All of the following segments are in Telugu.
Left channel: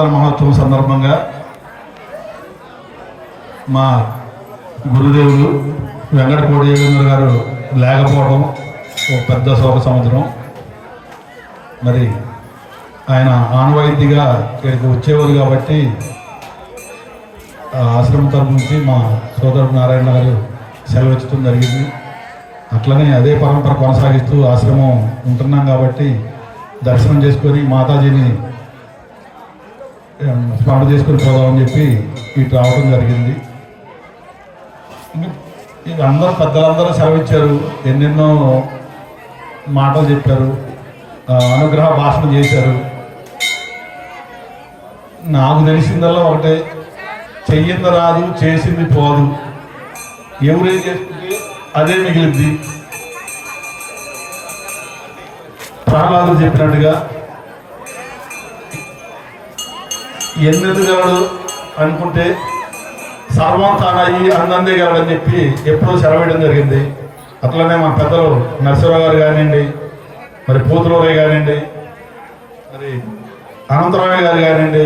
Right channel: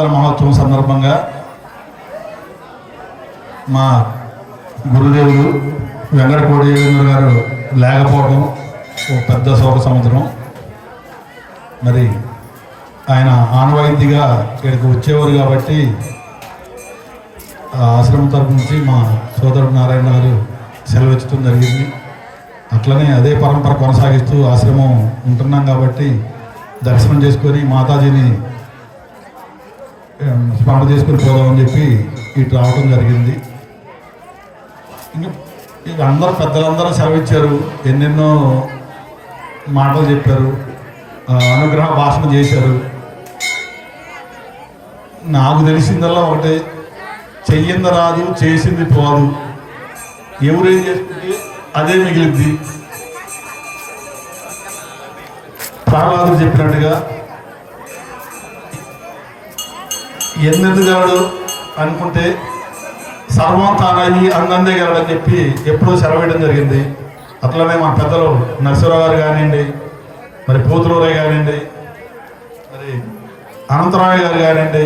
దీపారాధన మహోత్సవం సందర్భంగా మా గురుదేవులు వెంకటకోడి గారు లేకపోవడం ఒక పెద్ద శోక సముద్రం. మరి ఆయన ఆనవాయితీగా ఇక్కడికి వచ్చేవారు కాబట్టి ఆ ఆశ్రమం తరపు నుంచి మా సోదరుడు నారాయణ గారు సెలవిచ్చడం జరిగింది. అట్లనే అదే పరంపర కొనసాగిస్తూ ఆశ్రమం ఉంటున్నాం కాబట్టి దర్శనం చేసుకొని మాతాజీని స్మార్ట్ చేసుకుని పోదామని చెప్పి ఇటు రావడం జరిగింది. ఇంకా ఇక అందరూ పెద్దలందరూ సెలవిచ్చారు ఎన్నెన్నో మాటలు చెప్పారు అనుగ్రహ భాషణ చేశారు. నాకు తెలిసిందల్లా ఒకటే చెయ్యింది రాదు చేసింది పోదు. ఎవరేం చేస్తుంది అదే మిగిలింది. ప్రహ్లాదు చెప్పినట్టుగా ఎన్నెదుగాడు అనుకుంటే సర్వం తానయ్యి అన్నందే కాడని చెప్పి ఎప్పుడూ సెలవేయడం జరిగింది. అట్లనే మా పెద్దలు నరసరావు గారు కానివ్వండి మరి పోతురావు కానివ్వండి మరి అనంతరావు గారు కానివ్వండి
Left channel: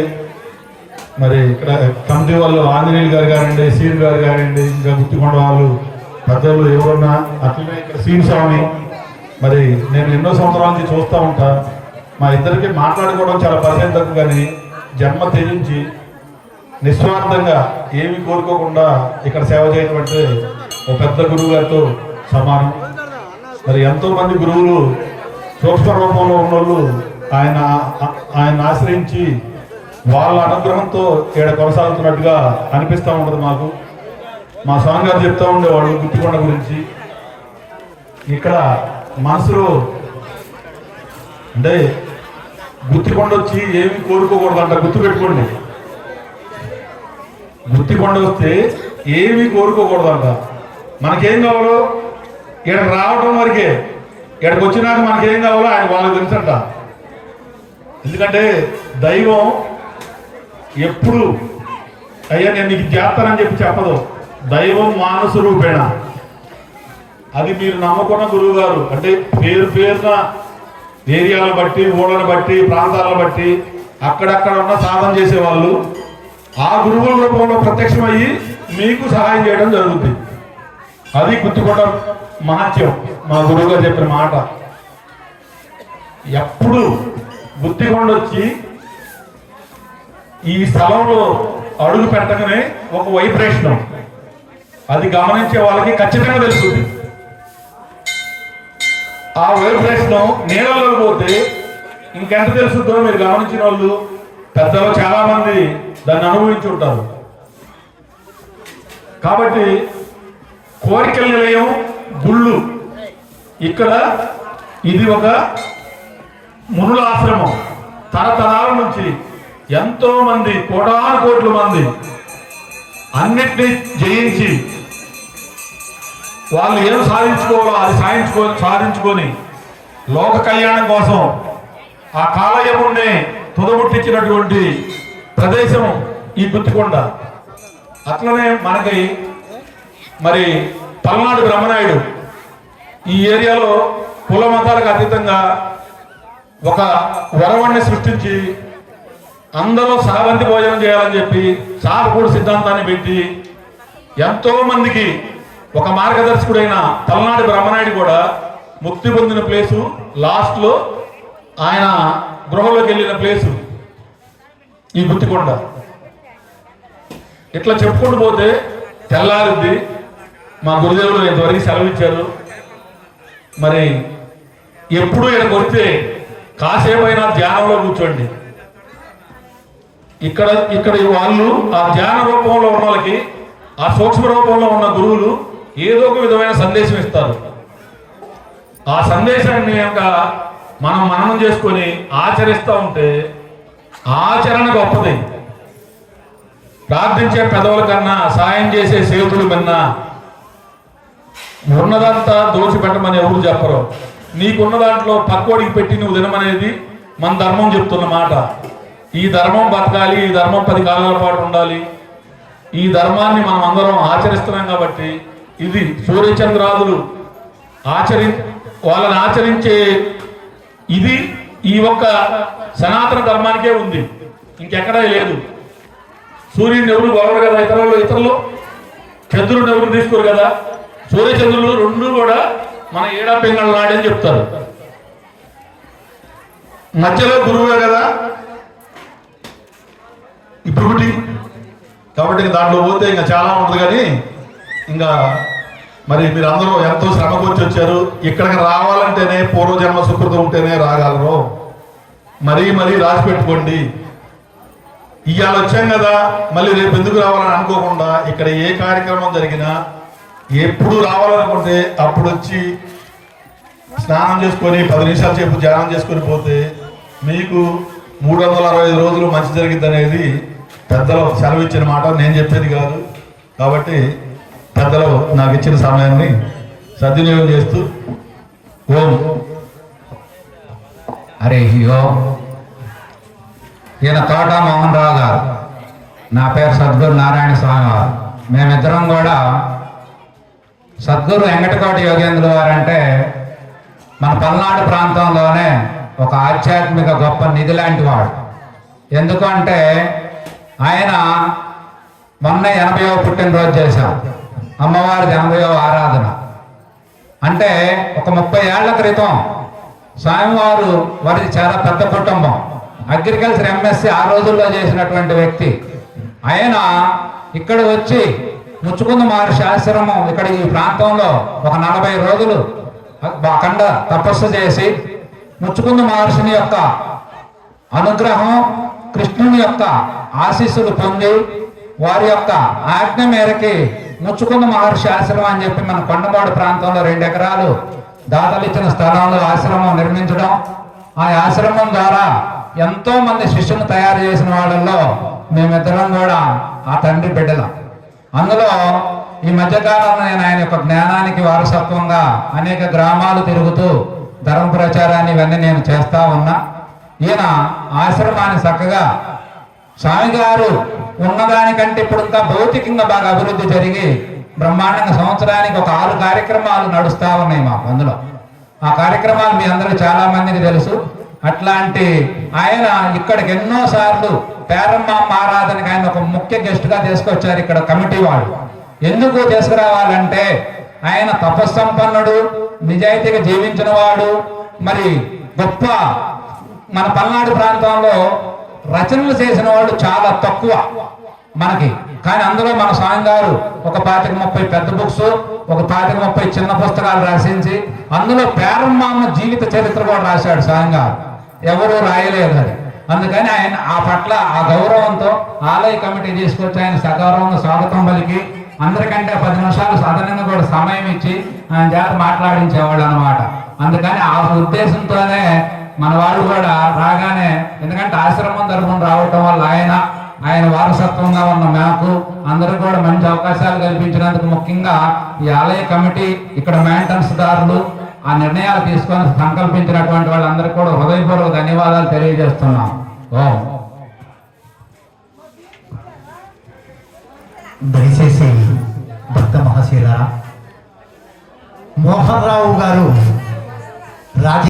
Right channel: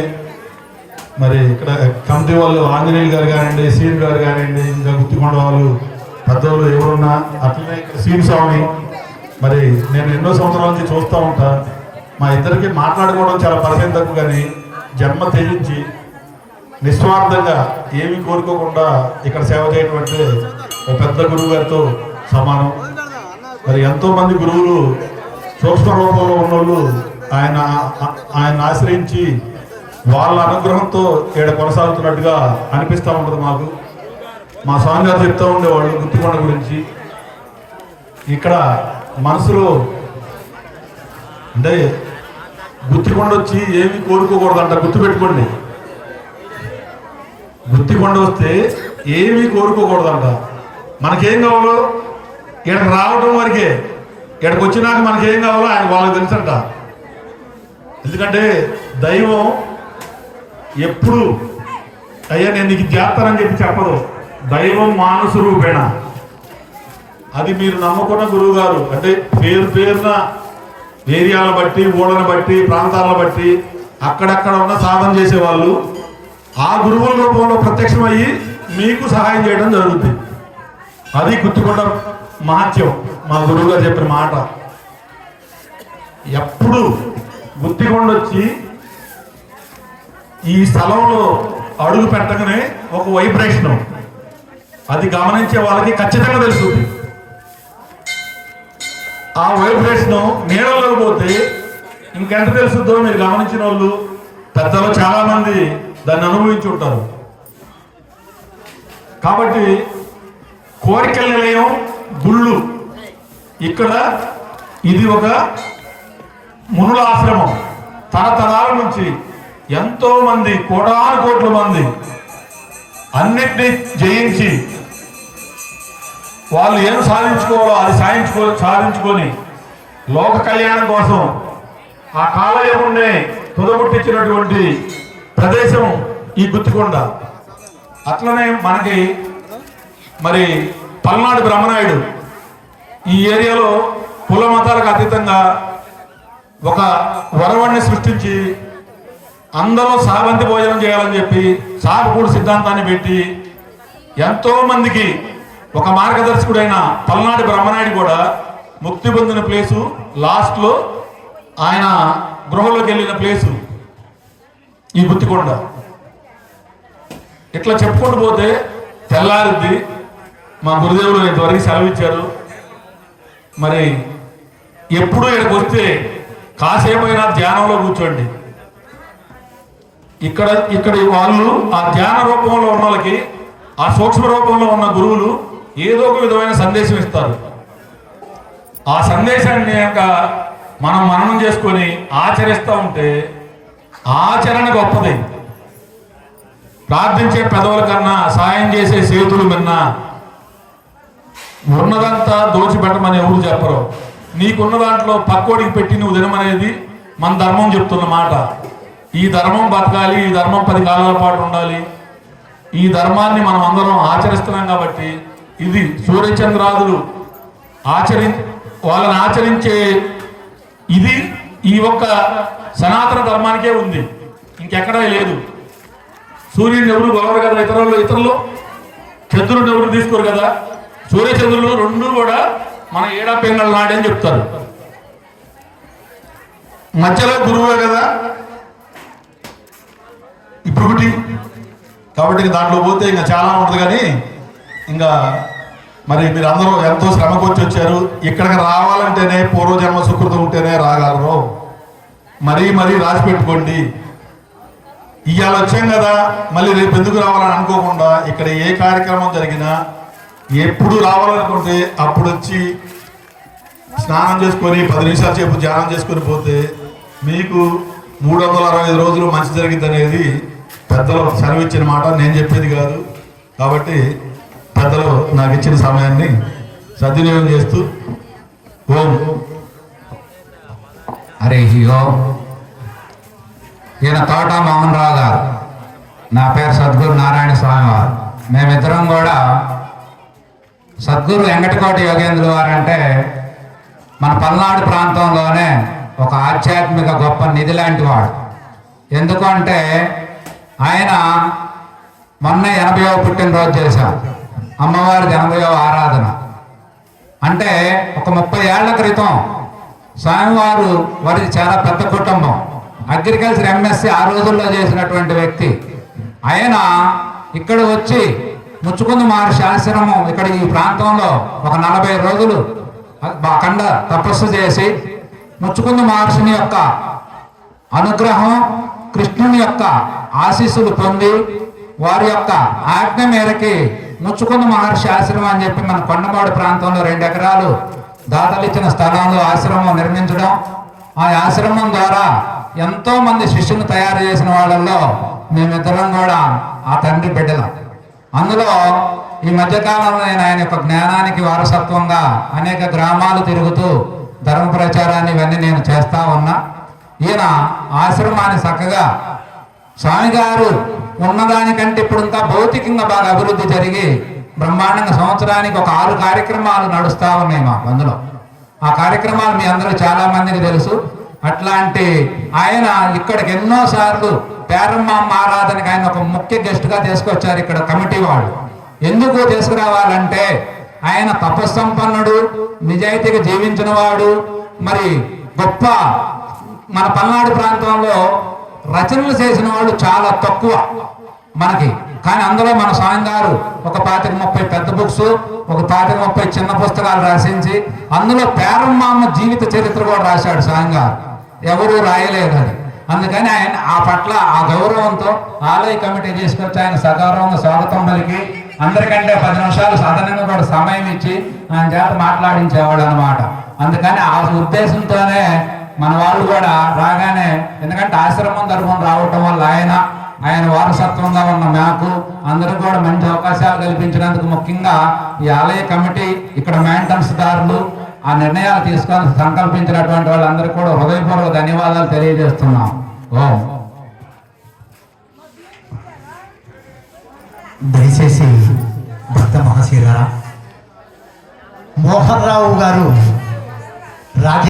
మరి ఇక్కడ కమిటీ వాళ్ళు ఆంజనేయులు గారు కానివ్వండి సీన్ గారు కానివ్వండి ఇంకా గుర్తుకొండ వాళ్ళు పెద్దవాళ్ళు ఎవరున్నా అట్లనే ఇక్కడ సీన్ స్వామి మరి నేను ఎన్నో సంవత్సరాల నుంచి చూస్తూ ఉంటా. మా ఇద్దరికి మాట్లాడుకోవడం చాలా పర్సెంట్ తక్కువ కానీ జన్మ త్యజించి నిస్వార్థంగా ఏమి కోరుకోకుండా ఇక్కడ సేవ చేయటువంటి అంటే ఒక పెద్ద గురువు గారితో సమానం. మరి ఎంతోమంది గురువులు సూక్ష్మ రూపంలో ఉన్నోళ్ళు ఆయన ఆయన ఆశ్రయించి వాళ్ళ అనుగ్రహంతో ఇక్కడ కొనసాగుతున్నట్టుగా అనిపిస్తూ ఉంటుంది మాకు. మా స్వామి గారు చెప్తూ ఉండేవాళ్ళు గుర్తుకొండ గురించి. ఇక్కడ మనసులో అంటే గుర్తికొండ వచ్చి ఏమి కోరుకోకూడదంట గుర్తుపెట్టుకోండి. గుర్తికొండ వస్తే ఏమీ కోరుకోకూడదంట. మనకేం కావాలో ఇక్కడ రావడం వరకే. ఇక్కడికి వచ్చినాక మనకేం కావాలో ఆయన వాళ్ళకి తెలుసంట. ఎందుకంటే దైవం ఎప్పుడు అయ్యా నేను నీకు చేస్తానని చెప్పి చెప్పదు. దైవం మానసు రూపేణ అది మీరు నమ్ముకున్న గురువు గారు అంటే పేరు పేరున ఏరియాల బట్టి మూడను బట్టి ప్రాంతాలను బట్టి అక్కడక్కడ ఉన్న సాధన చేసేవాళ్ళు ఆ గురువుల రూపంలో ప్రత్యక్షమయ్యి మీకు సహాయం చేయడం జరుగుతుంది. అది గుర్తుకోవడం మహత్యం. మా గురువుగా చెప్పిన మాట. ఎప్పుడు గుర్తికొండ వచ్చి ఈ స్థలంలో అడుగు పెట్టగానే ఒక వైబ్రేషన్. అది గమనించే వాళ్ళకి ఖచ్చితంగా తెలుస్తుంది. ఆ వైబ్రేషన్ నీళ్ళలో పోతే ఇంకెంత తెలుస్తుందో మీరు గమనించిన వాళ్ళు పెద్దలు చాలా మంది దాన్ని అనుభవించి ఉంటారు. కాబట్టి కోరికల నిలయం గుళ్ళు. ఇక్కడ ఇది ఒక మునుల ఆశ్రమం. తరతరాల నుంచి ఎంతో మంది కోటాను కోట్ల మంది అన్నిటినీ జయించి వాళ్ళు ఏం సాధించుకోవాలో అది సాధించుకో సాధించుకొని లోక కళ్యాణం కోసం ఆ కాలయమునే తుదముట్టించినటువంటి ప్రదేశం ఈ గుత్తికొండ అట్లనే మనకి మరి పల్నాడు బ్రహ్మనాయుడు ఈ ఏరియాలో కుల మతాలకు అతీతంగా ఒక వరవణ్ణి సృష్టించి అందరూ సాగంతి భోజనం చేయాలని చెప్పి సాగుకూడు సిద్ధాంతాన్ని పెట్టి ఎంతో మందికి ఒక మార్గదర్శకుడైన పల్నాడు బ్రహ్మనాయుడు కూడా ముక్తి పొందిన ప్లేసు లాస్ట్లో ఆయన గృహంలోకి వెళ్ళిన ప్లేసు ఈ గుత్తికొండ ఇట్లా చెప్పుకుంటూ పోతే తెల్లారిద్ది మా గురుదేవులు ఇంతవరకు సెలవిచ్చారు. మరి ఎప్పుడు ఇక్కడికి వస్తే కాసేపైనా ధ్యానంలో కూర్చోండి. ఇక్కడ ఇక్కడ వాళ్ళు ఆ ధ్యాన రూపంలో ఉన్న వాళ్ళకి ఆ సూక్ష్మ రూపంలో ఉన్న గురువులు ఏదో ఒక విధమైన సందేశం ఇస్తారు. ఆ సందేశాన్ని యొక్క మనం మననం చేసుకొని ఆచరిస్తూ ఉంటే ఆచరణ గొప్పది. ప్రార్థించే పెదవుల కన్నా సాయం చేసే సేతులు కన్నా ఉన్నదంతా దోచిపెట్టమని ఎవరు చెప్పరు. నీకున్న దాంట్లో పక్కోడికి పెట్టి నువ్వు తినమనేది మన ధర్మం చెప్తున్న మాట. ఈ ధర్మం బతకాలి ఈ ధర్మం పది కాలాల పాటు ఉండాలి. ఈ ధర్మాన్ని మనం అందరం ఆచరిస్తున్నాం కాబట్టి ఇది సూర్యచంద్రాదులు ఆచరి వాళ్ళని ఆచరించే ఇది ఈ ఒక్క సనాతన ధర్మానికే ఉంది. ఇంకెక్కడా లేదు. సూర్యుని ఎవరు బాగరు కదా ఇతరులు ఇతరులు? చంద్రుడు ఎవరు తీసుకోరు కదా? సూర్యచంద్రులు రెండు కూడా మన ఏడా నాడే నాడని చెప్తారు. మధ్యలో గురువే కదా? ఇప్పుడు కాబట్టి దాంట్లో పోతే ఇంకా చాలా ఉంటుంది కానీ ఇంకా మరి మీరు అందరూ ఎంతో శ్రమకొచ్చి వచ్చారు. ఇక్కడికి రావాలంటేనే పూర్వజన్మ సుకృతం ఉంటేనే రాగలరు. మరీ మరీ రాసి పెట్టుకోండి ఇవాళ వచ్చాం కదా మళ్ళీ రేపు ఎందుకు రావాలని అనుకోకుండా ఇక్కడ ఏ కార్యక్రమం జరిగినా ఎప్పుడు రావాలనుకుంటే అప్పుడు వచ్చి స్నానం చేసుకొని పది నిమిషాల సేపు ధ్యానం చేసుకొని పోతే మీకు మూడు వందల అరవై ఐదు రోజులు మంచి జరిగింది అనేది పెద్దలు సెలవు ఇచ్చిన మాట నేను చెప్పేది కాదు. కాబట్టి కథలో నాకు ఇచ్చిన సమయాన్ని సద్వినియోగం చేస్తూ ఓం. అరే ఓం ఈయన తోట మోహన్ రావు గారు. నా పేరు సద్గురు నారాయణ స్వామి వారు. మేమిద్దరం కూడా సద్గురు వెంకటకోట యోగేంద్రుడు వారు అంటే మన పల్నాడు ప్రాంతంలోనే ఒక ఆధ్యాత్మిక గొప్ప నిధి లాంటి వాడు. ఎందుకంటే ఆయన మొన్న ఎనభైవ పుట్టినరోజు చేశాం. అమ్మవారి ఎనభైవ ఆరాధన. అంటే ఒక ముప్పై ఏళ్ళ క్రితం స్వామివారు వారిది చాలా పెద్ద కుటుంబం. అగ్రికల్చర్ ఎంఎస్సి ఆ రోజుల్లో చేసినటువంటి వ్యక్తి. ఆయన ఇక్కడ వచ్చి ముచ్చుకుంద మహర్షి ఆశ్రమం ఇక్కడ ఈ ప్రాంతంలో ఒక నలభై రోజులు అఖండ తపస్సు చేసి ముచ్చుకుంద మహర్షిని యొక్క అనుగ్రహం కృష్ణుని యొక్క ఆశీస్సులు పొంది వారి యొక్క ఆజ్ఞ మేరకి ముచ్చుకున్న మహర్షి ఆశ్రమం అని చెప్పి మన కొండపాడు ప్రాంతంలో రెండు ఎకరాలు దాతలు ఇచ్చిన స్థలంలో ఆశ్రమం నిర్మించడం. ఆ ఆశ్రమం ద్వారా ఎంతో మంది శిష్యులు తయారు చేసిన వాళ్ళల్లో మేమిద్దరం కూడా ఆ తండ్రి బిడ్డలం. అందులో ఈ మధ్యకాలంలో నేను ఆయన యొక్క జ్ఞానానికి వారసత్వంగా అనేక గ్రామాలు తిరుగుతూ ధర్మ ప్రచారాన్ని ఇవన్నీ నేను చేస్తా ఉన్నా. ఈయన ఆశ్రమాన్ని చక్కగా స్వామి గారు ఉన్నదానికంటే ఇప్పుడు ఇంకా భౌతికంగా బాగా అభివృద్ధి జరిగి బ్రహ్మాండంగా సంవత్సరానికి ఒక ఆరు కార్యక్రమాలు నడుస్తూ ఉన్నాయి మాకు అందులో. ఆ కార్యక్రమాలు మీ అందరూ చాలా మందికి తెలుసు. అట్లాంటి ఆయన ఇక్కడికి ఎన్నోసార్లు పేరమ్మ ఆరాధనకి ఆయన ఒక ముఖ్య గెస్ట్గా తీసుకొచ్చారు ఇక్కడ కమిటీ వాళ్ళు. ఎందుకు తీసుకురావాలంటే ఆయన తపస్సంపన్నుడు నిజాయితీగా జీవించిన వాడు. మరి గొప్ప మన పల్నాడు ప్రాంతంలో రచనలు చేసిన వాళ్ళు చాలా తక్కువ మనకి. కానీ అందులో మన స్వామి గారు ఒక పాతిక ముప్పై పెద్ద బుక్స్ ఒక పాతిక ముప్పై చిన్న పుస్తకాలు రాసించి అందులో పేరమ్మ జీవిత చరిత్ర కూడా రాశాడు స్వామి గారు ఎవరు రాయలేదు అది. అందుకని ఆయన ఆ పట్ల ఆ గౌరవంతో ఆలయ కమిటీ తీసుకొచ్చి ఆయన సకారంగా స్వాగతం పలికి అందరికంటే పది నిమిషాలు సదనంగా కూడా సమయం ఇచ్చి ఆయన చేత మాట్లాడించేవాడు అనమాట అందుకని ఆ ఉద్దేశంతోనే మన వాళ్ళు కూడా రాగానే ఎందుకంటే ఆశ్రమం తరఫున రావటం వల్ల ఆయన ఆయన వారసత్వంగా ఉన్న మాకు అందరూ కూడా మంచి అవకాశాలు కల్పించినందుకు ముఖ్యంగా ఈ ఆలయ కమిటీ ఇక్కడ మెయింటెనెన్స్ దారులు ఆ నిర్ణయాలు తీసుకొని సంకల్పించినటువంటి వాళ్ళందరూ కూడా హృదయపూర్వక ధన్యవాదాలు తెలియజేస్తున్నాం. ఓం. దయచేసి భక్త మహాశీరా మోహన్ రావు గారు రాజ